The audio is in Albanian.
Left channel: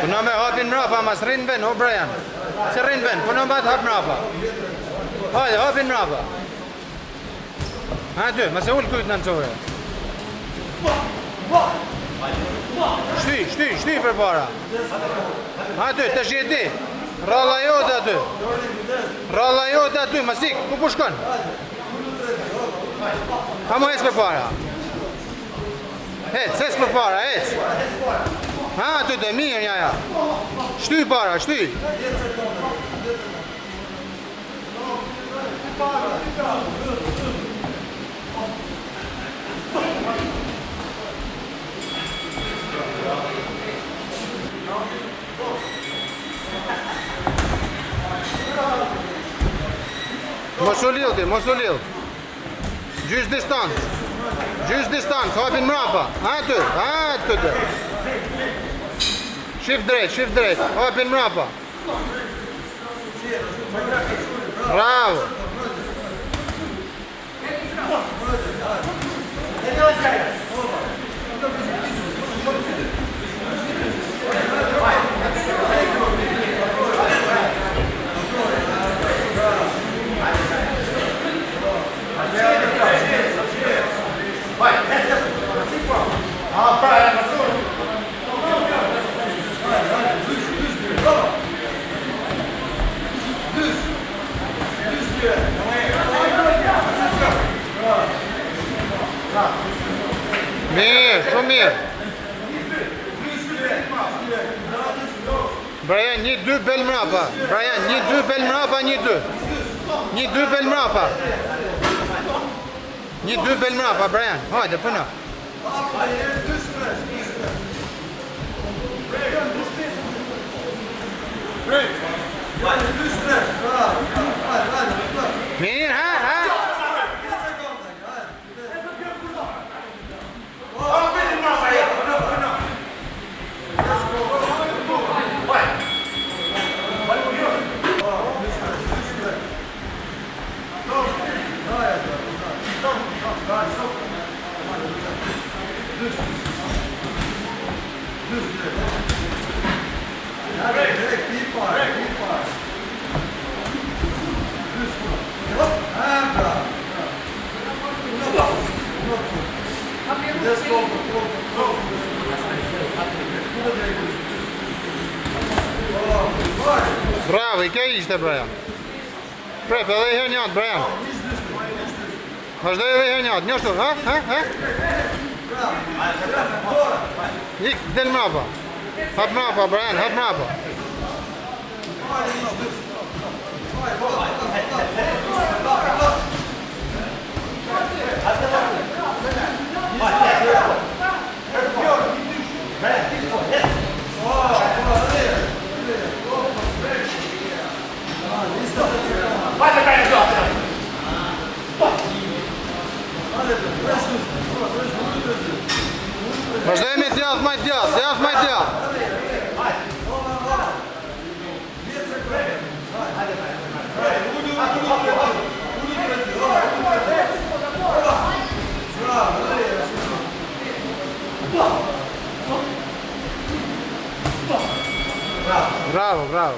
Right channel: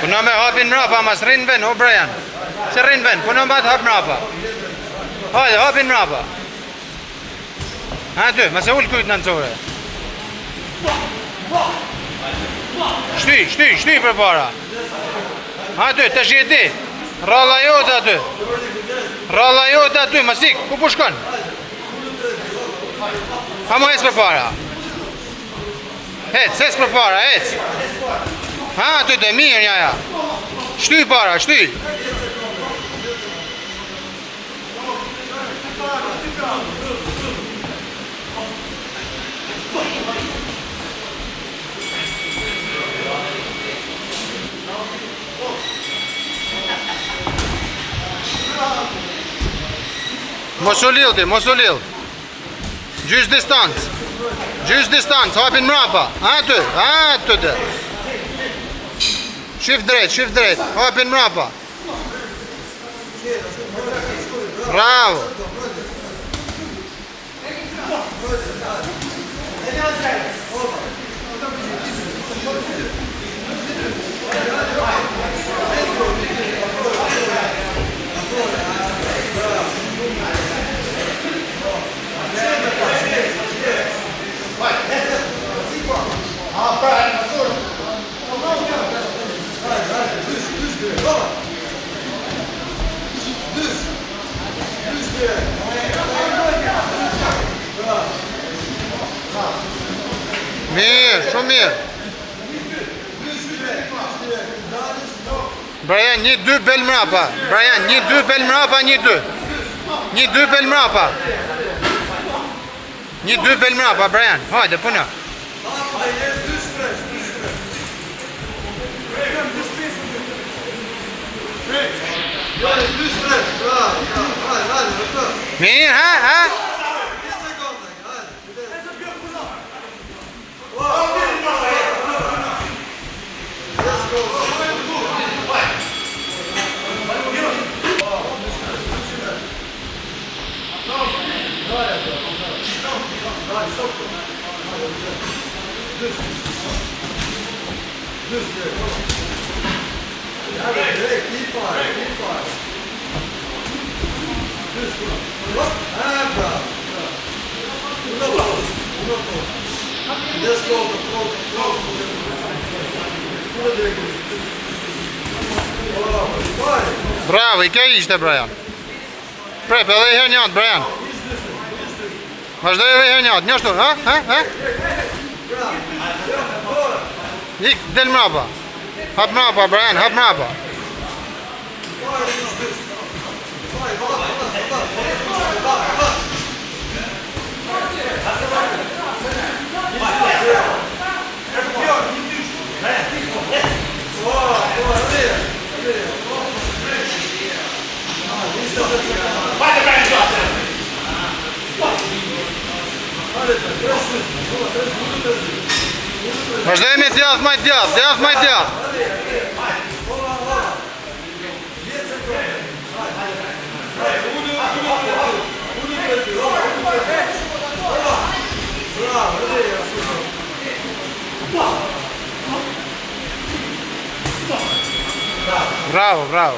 Puno me hapin mrapa, mas rrinë ven, o Brian. Se rrinë ven, puno me hap mrapa. Hajde, hapin mrapa. Ha ty, mas e ullë kujtë në nëcore. Shty për para. Ha ty, të shjeti. Ralla jote aty. Ralla jote aty, mas ik, ku pushkon? Ha mo ec për para. Ec për para, ec. Ha, ty të mirë njaja. Shty para, shty. Mos u lill ti, mos u lill. Gjys distancë, hapin mrapa. Aty të. Shift drejt, hapin mrapa. Bravo. Mirë, shumë mirë. Brian, 1-2 bel mrapa. Brian, 1-2 bel mrapa, 1-2. 1-2 bel mrapa. 1-2 bel mrapa, Brian. Hajde, puno. Mirë, ha? Bravo, i kjo ishte, Brian. Prep, edhe i her njatë, Brian. Vazhdoj edhe i her njatë, njështu, ha? Ik, del mrapa. Hap mrapa, Brian, hap mrapa. Vazhdojmë e djath maj djath. Bravo.